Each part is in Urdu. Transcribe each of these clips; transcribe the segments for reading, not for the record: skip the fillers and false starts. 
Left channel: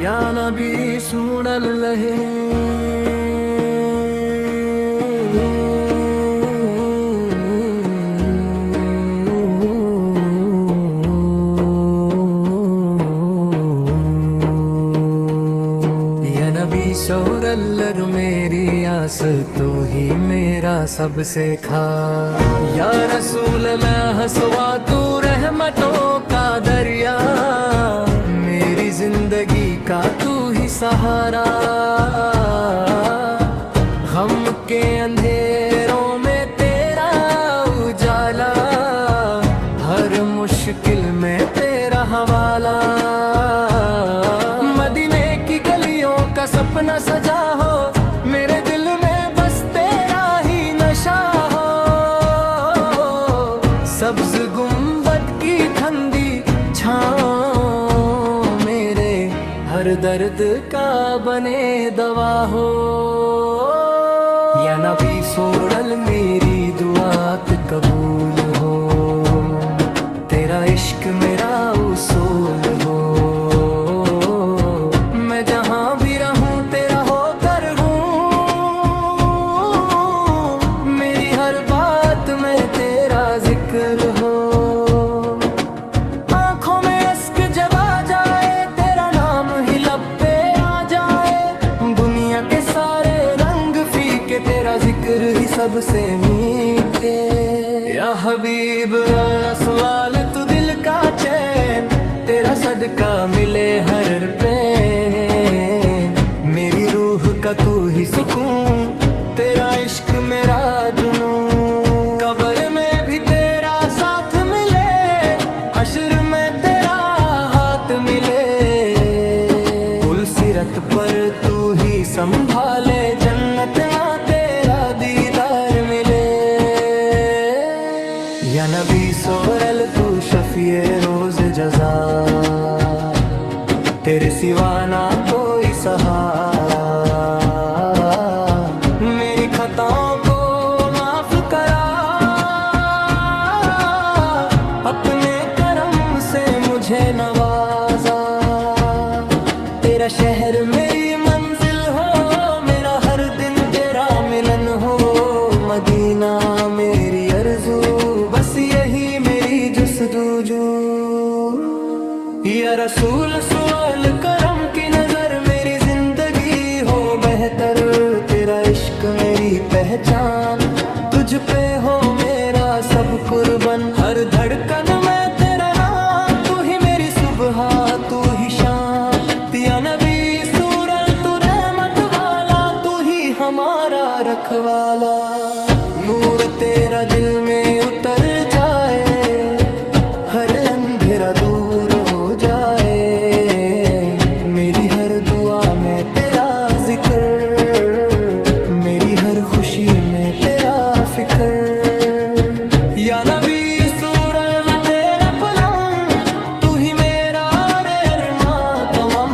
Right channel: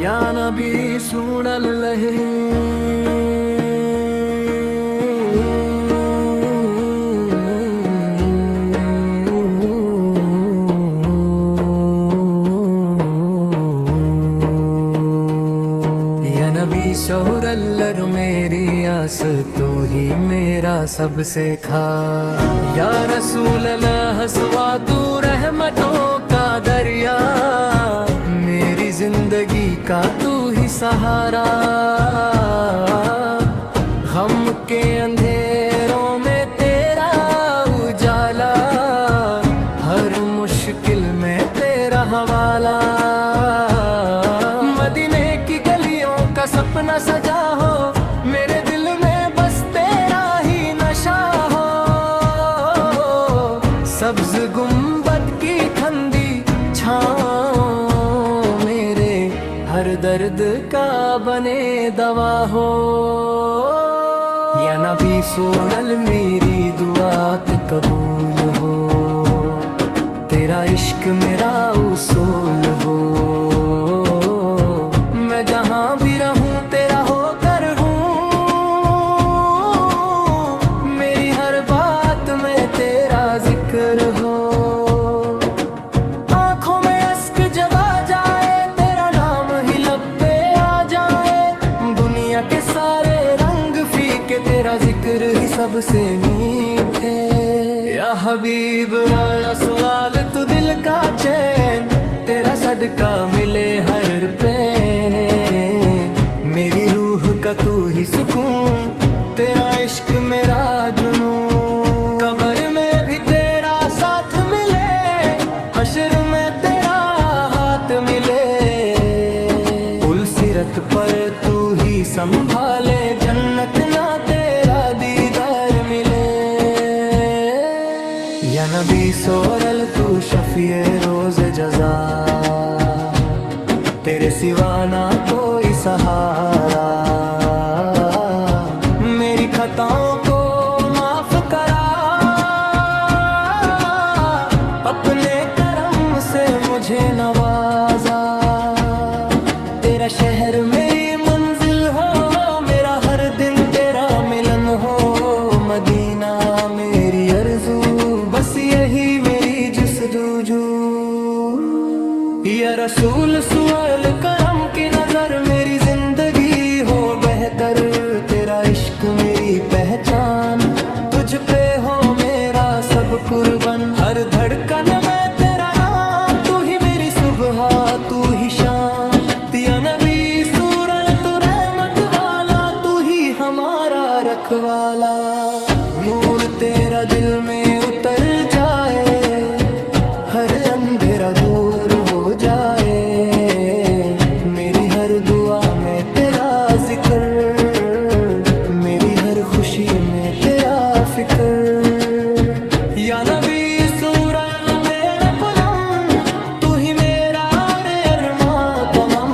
یا نبی سن لہے نبی سورلر میری آس تو ہی میرا سب سے کھا یا رسول میں ہسوا تو رحمتوں کا دریا میری زندگی کا تو ہی سہارا غم کے اندھیروں میں تیرا اجالا ہر مشکل میں تیرا حوالہ مدینے کی گلیوں کا سپنا سجا ہو میرے دل میں بس تیرا ہی نشہ ہو سبز گنبد کی ٹھنڈی چھاؤں میرے ہر درد کا بنے دوا ہو یا نبی سوڑل میری دعات قبول ہو تیرا عشق میرا اصول ہو میں جہاں بھی رہوں تیرا ہو کر ہوں میری ہر بات میں تیرا ذکر ہو آنکھوں میں اشک جب آ جائے تیرا نام ہی لب پہ آ جائے دنیا کے سارے رنگ فیکے تیرا ذکر ہی سب سے میٹھے یا حبیب یا اسلال تو دل کا چین تیرا صدقہ ملے ہر پین میری روح کا تو ہی سکون تیرا عشق میرا جنون قبر میں بھی تیرا ساتھ ملے حشر میں تیرا ہاتھ ملے پل صراط پر تو ہی سنبھالے جنت نہ تیرا دیدار ملے یا نبی سورل تو شفیع روز جزا تیرے سوا نہ کوئی سہارا میری خطاؤں کو معاف کرا اپنے کرم سے مجھے نوازا تیرا شہر میری منزل ہو میرا ہر دن تیرا ملن ہو مدینہ میری آرزو بس یہی میری جستجو یا رسول سوال کرم کی نظر میری زندگی ہو بہتر تیرا عشق میری پہچان تجھ پہ ہو میرا سب قربان ہر دھڑکن میں تیرا نام تو ہی میری صبح تو ہی شام یا نبی سورل تو رحمت والا تو ہی ہمارا رکھوالا نور تیرا دل میں اتر جائے ہر اندھیرا دور ہو جائے میری ہر دعا میں تیرا ذکر میری ہر خوشی میں تیرا فکر یا نبی سورل متے نہ پلم تو ہی میرا ارمان تمام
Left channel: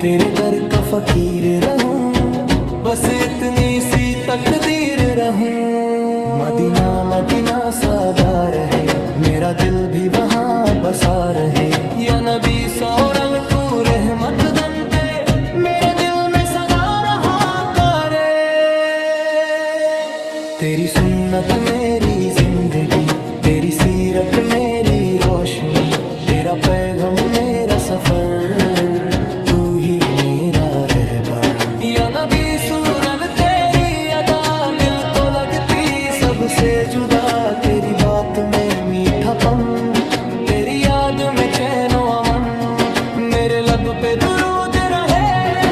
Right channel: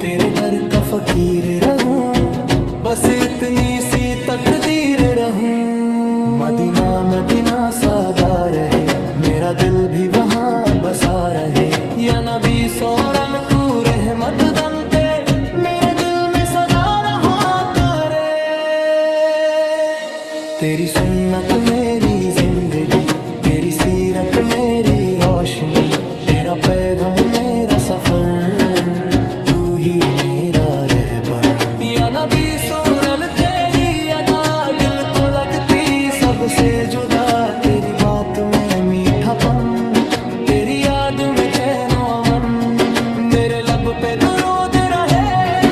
تیرے در کا فقیر رہوں بس اتنی سی تقدیر رہوں مدینہ مدینہ سادہ رہے میرا دل بھی وہاں بسا رہے یا نبی سورل کو رحمت بنتے میرے دل میں سدا رہا کرے تیری سنت میری زندگی تیری سیرت میری روشنی تیرا پیغام میرا سفر تو ہی میرا رہبر یا نبی سورل تیری ادا دل کو لگتی سب سے جدا تیری بات میں میٹھا پن تیری یاد میں چین و امن میرے لب پہ درود رہے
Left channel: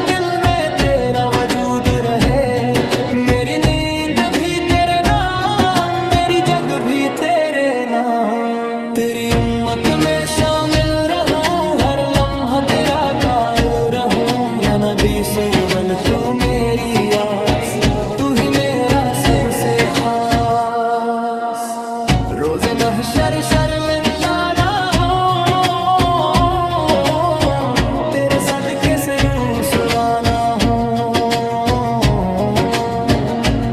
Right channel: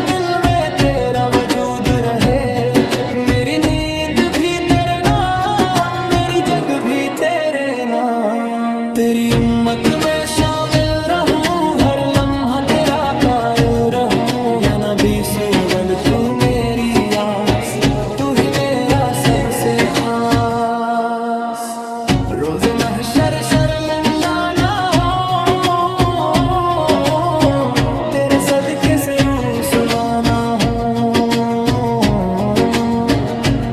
دل میں تیرا وجود رہے میری نیند بھی تیرے نام میری جگ بھی تیرے نام تیری امت میں شامل رہوں ہر لمحہ تیرا قائل رہوں یا نبی سوگل تو میری آس تو ہی میرا سب سے خاص روز محشر شرمندہ نہ ہو تیرے صدقے سے رسوا نہ ہو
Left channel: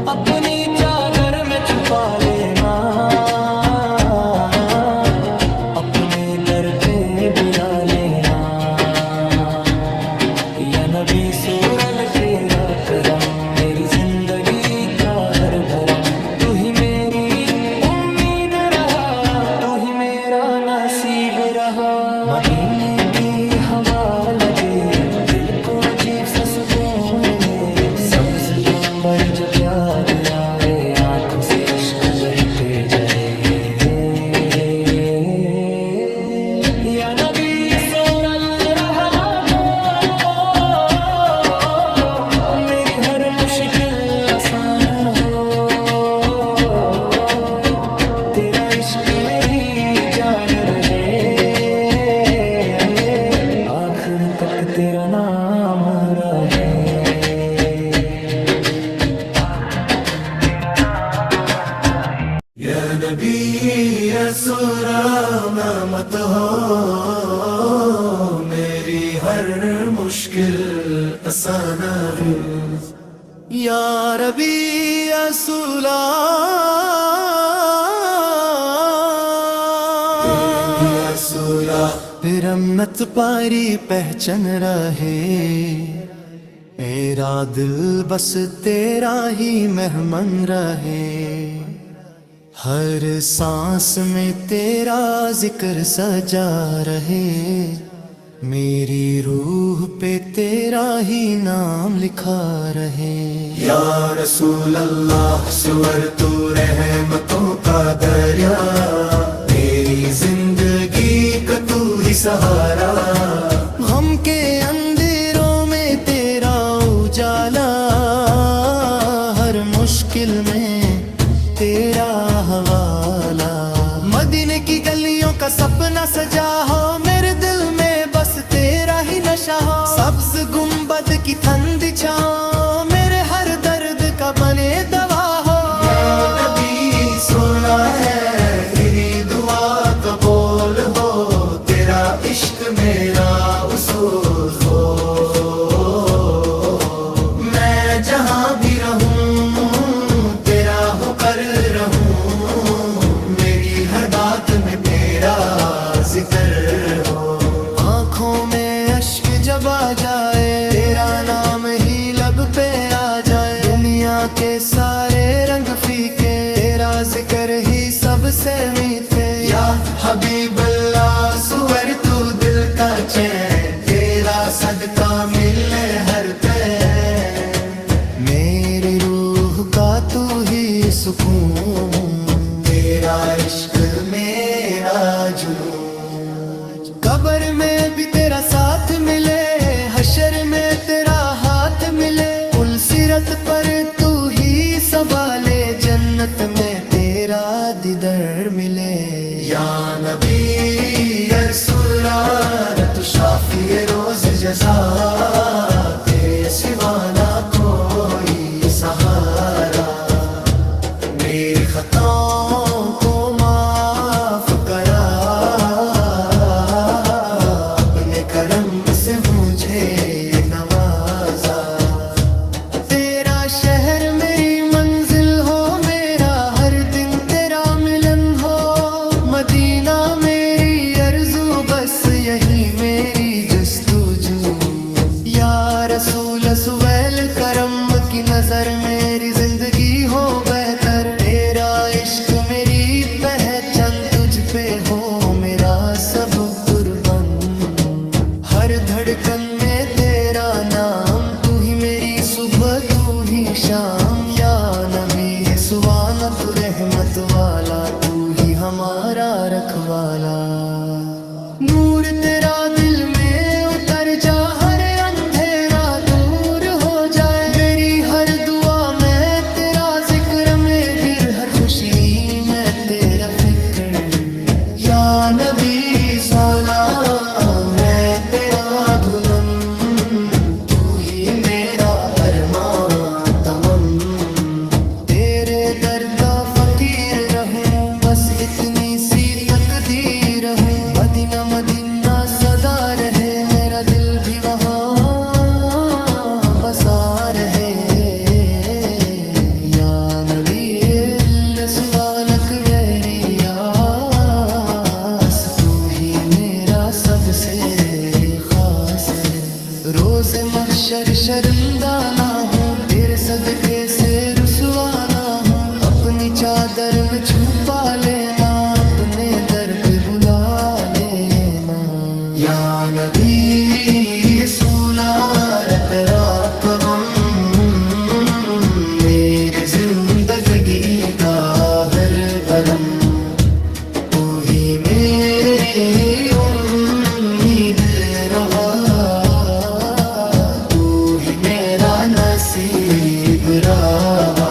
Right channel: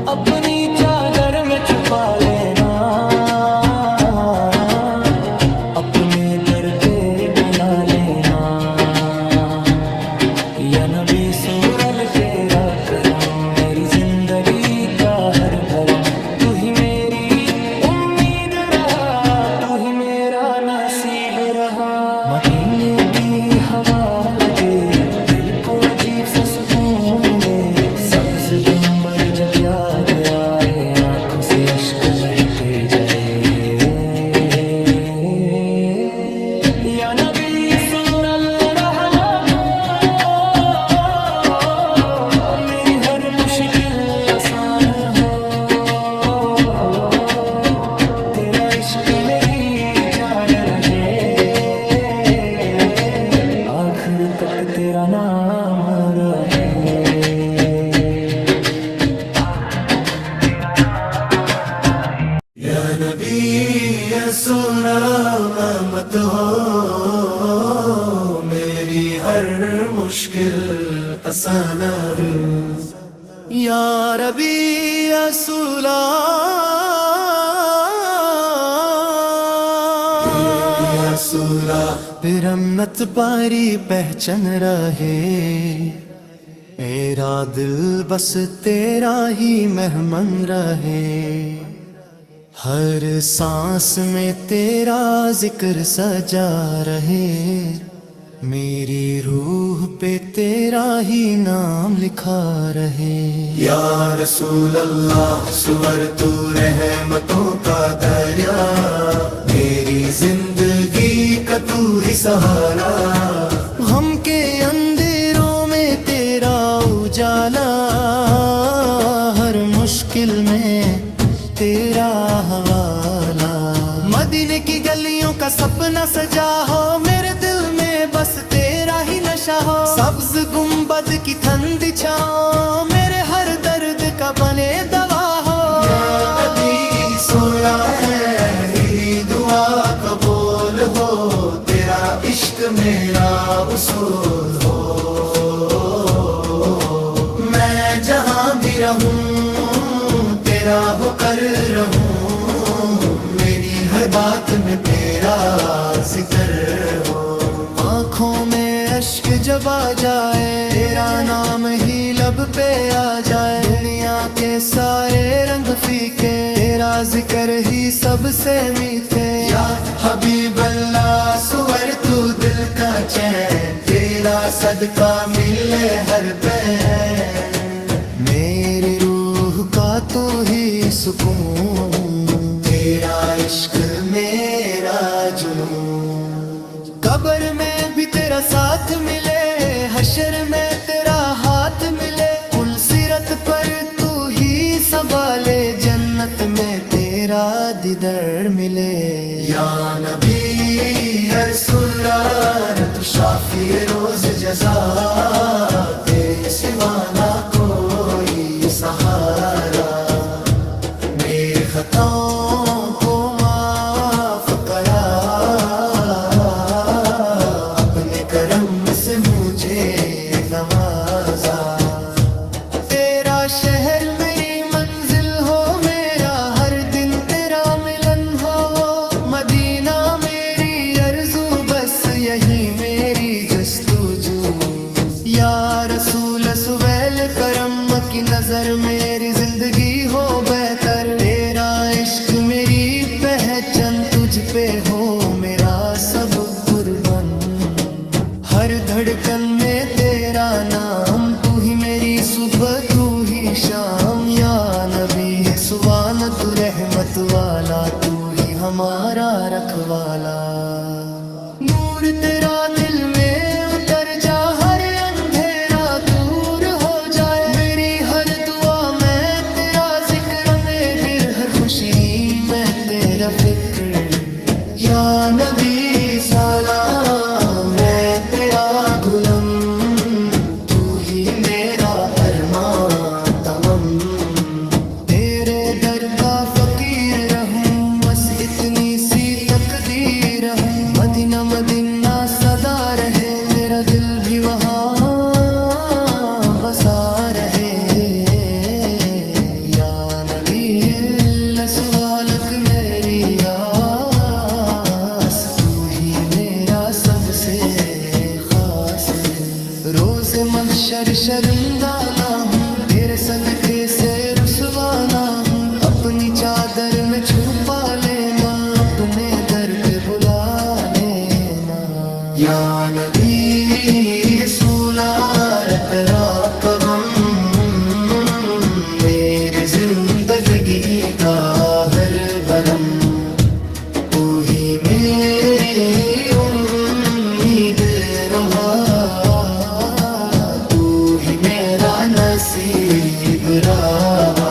اپنی چادر میں چھپا لینا اپنے در پہ بلا لینا یا نبی سورل تیرا کرم میری زندگی کا ہر بھرم تو ہی میری امید رہا تو ہی میرا نصیب رہا مدینے کی ہوا لگے دل کو عجیب سا سکون ملے سبز گنبد جب یاد آئے آنکھوں سے اشک بہتے جائے یا نبی سورل رہلا دو میری ہر مشکل آسان ہو تیرا عشق میری جان رہے آخر تک تیرا نام رہے یا نبی رسول مت ہو میری ہر مشکل آسان یا ربی رسول پھر امت پاری پہچان رہے میرا دل بس تیرا ہی مہمان رہے ہر سانس میں تیرا ذکر سجا رہے میری روح پہ تیرا ہی نام لکھا رہے یا رسول اللہ سور تو رحمتوں کا دریا میری زندگی کا تو ہی سہارا غم کے اندھیروں میں تیرا اجالا ہر مشکل میں تیرا حوالہ مدینے کی گلیوں کا سپنا سجا ہو میرے دل میں بس تیرا ہی نشہ ہو سبز گنبد کی ٹھنڈی چھاؤں میرے ہر درد کا بنے دوا ہو یا نبی سولا ہے میری دعا قبول ہو تیرا عشق میرا اصول ہو میں جہاں بھی رہوں تیرا ہو کر رہوں میری ہر بات میں تیرا ذکر ہو آنکھوں میں اشک جب آ جائے تیرا نام ہی لب پہ آ جائے دنیا کے سارے رنگ فیکے تیرا ذکر ہی سب سے میٹھے یا حبیب اللہ سور تو دل کا چین تیرا صدقہ ملے ہر پہ میری روح کا تو ہی سکون تیرا عشق میرا جنون قبر میں بھی تیرا ساتھ ملے حشر میں تیرا ہاتھ ملے پل صراط پر تو ہی سنبھالے جنت میں تیرا دیدار ملے یا نبی رسول تو شافی روز جزا تیرے سوا نہ کوئی سہارا میری خطاؤں کو معاف کرا اپنے کرم سے مجھے نوازا تیرا شہر میری منزل ہو میرا ہر دن تیرا ملن ہو مدینہ میری آرزو بس یہی میری جستجو یا رسول سویل کرم کی نظر میری زندگی ہو بہتر تیرا عشق میری پہچان تجھ پہ ہو میرا سب قربان ہر دھڑکن میں تیرا نام تو ہی میری صبح تو ہی شام یا نبی سبحانہ تو رحمت والا تو ہی ہمارا رکھوالا نور تیرا دل میں اتر جا ہر اندھیرا دور ہو جائے میری ہر دعا میں تیرا ذکر میں پھر ہر خوشی میں تیرا فکر یا نبی سلام میں تیرا غلام تو ہی میرا ارمان تمام تیرے در کا فقیر رہوں بس اتنی سی تقدیر ہوں مدینہ مدینہ صدا رہے میرا دل بھی وہاں بسا رہے یا نبی سوالک میری آس تو ہی میرا سب سے خاص ہے روز محشر شرمندہ نہ ہوں تیرے صدقے سے رسوا نہ ہوں اپنی چادر میں چھپا لینا اپنے در پہ بلا لینا یا نبی سولا تیرا غم میری زندگی کا ہر برم تو ہی میری امید رہا تو ہی میرا نصیب رہا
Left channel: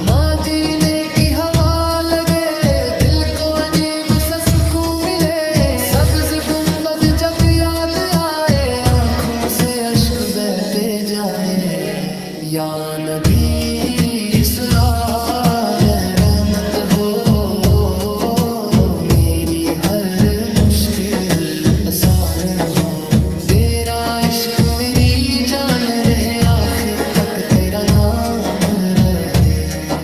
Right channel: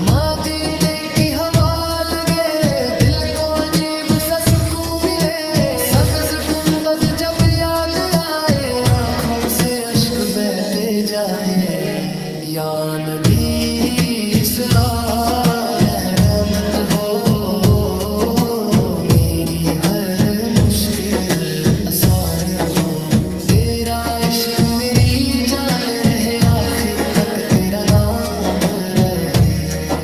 مدینے کی ہوا لگے دل کو عجیب سا سکون ملے سبز گنبد جب یاد آئے آنکھوں سے اشک بہتے جائے یا نبی صلاح رحمت ہو میری ہر مشکل آسان ہو تیرا عشق میری جان رہے آخر تک تیرا نام رہے